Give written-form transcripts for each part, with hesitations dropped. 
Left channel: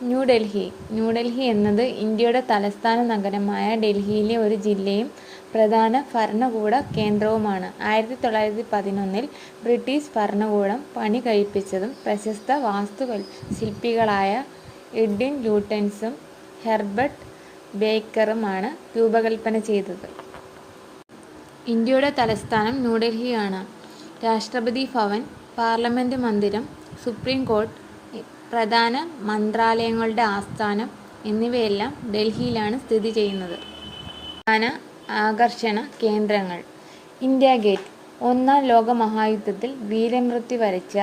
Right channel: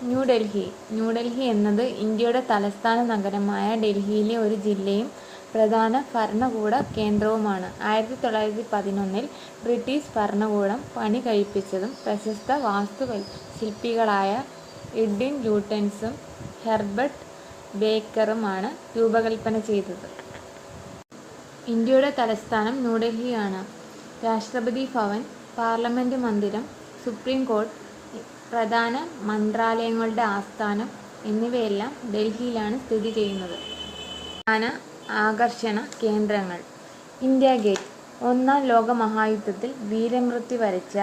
ന്യൂഡൽഹി. ന്യൂഡൽഹി എന്നത് ഇന്ത്യയുടെ തലസ്ഥാന നഗരമായ ഡൽഹിയിലെ ഒരു ജില്ലയും പ്രധാന ഭരണകൂട കേന്ദ്രവുമാണ്. 1911 ബ്രിട്ടീഷ് ഭരണകൂടം പണി കഴിപ്പിച്ചതും പ്രശസ്ത വാസ്തുശില്പികളായ എഡ്വിൻ ലൂട്ടൻസും ഹെർബർട്ട് ബേക്കറുമാണ് രൂപകൽപ്പന ചെയ്തത്. ഇന്ത്യയുടെ തലസ്ഥാനം ന്യൂഡൽഹിയാണ്. രാഷ്ട്രപതി ഭവൻ, പാർലമെന്റ് മന്ദിരം, സുപ്രീം കോർട്ട്, പ്രധാന മന്ത്രാലയങ്ങളുടെ ആസ്ഥാനം എന്നിവയെല്ലാം ഡൽഹിയിലാണ് സ്ഥിതി ചെയ്യുന്നത്. പ്രധാന ആകർഷണ കേന്ദ്രങ്ങൾ: ഇന്ത്യാ ഗേറ്റ്, ഒന്നാം ലോകമഹായുദ്ധത്തിൽ വീരമൃത്യു വരിച്ച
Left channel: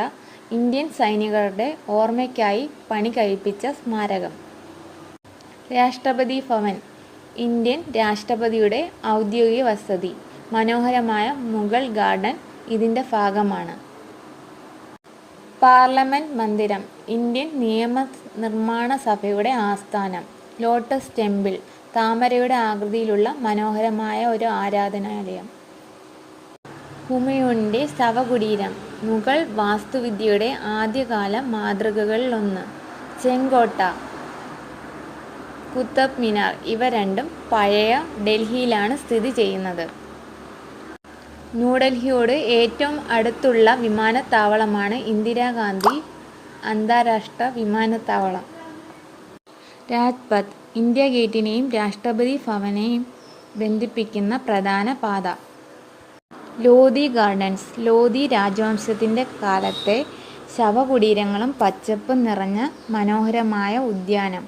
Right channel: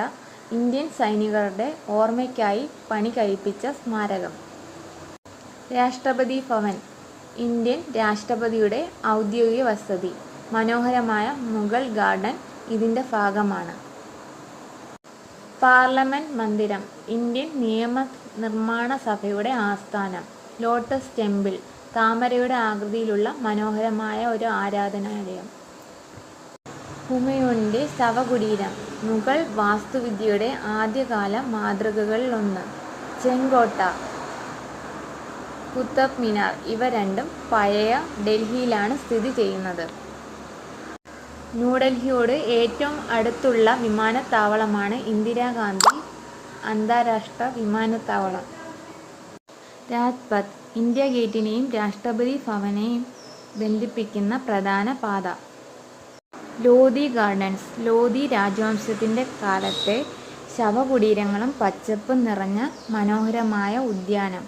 ഇന്ത്യൻ സൈനികരുടെ ഓർമ്മയ്ക്കായി പണി കഴിപ്പിച്ച സ്മാരകം. രാഷ്ട്രപതി ഭവൻ, ഇന്ത്യൻ രാഷ്ട്രപതിയുടെ ഔദ്യോഗിക വസതി. മനോഹരമായ മുഗൾ ഗാർഡൻ ഇതിൻ്റെ ഭാഗമാണ്. പാർലമെന്റ് മന്ദിരം, ഇന്ത്യൻ നിയമനിർമ്മാണ സഭയുടെ ആസ്ഥാനം. ലോട്ടസ് ടെമ്പിൾ, താമരയുടെ ആകൃതിയിലുള്ള മനോഹരമായ ഒരു ആരാധനാലയം. ഹുമയൂണിൻ്റെ ശവകുടീരം, മുഗൾ വാസ്തുവിദ്യയുടെ ആദ്യകാല മാതൃകകളിലൊന്ന്. ചെങ്കോട്ട, കുത്തബ് മിനാർ ഇവ രണ്ടും പഴയ ഡൽഹിയിലാണ് സ്ഥിതി ചെയ്യുന്നത്. ന്യൂഡൽഹിയോട് ഏറ്റവും അടുത്തുള്ള വിമാനത്താവളമാണ് ഇന്ദിരാഗാന്ധി അന്താരാഷ്ട്ര വിമാനത്താവളം. രാജ്പഥ്, ഇന്ത്യാ ഗേറ്റിനെയും രാഷ്ട്രപതി ഭവനെയും ബന്ധിപ്പിക്കുന്ന പ്രധാന പാത. ലോധി ഗാർഡൻസ്, ലോധി രാജവംശത്തിൻ്റെ കാലത്തെ ശവകുടീരങ്ങളും പച്ചപ്പും നിറഞ്ഞ മനോഹരമായ ഉദ്യാനം.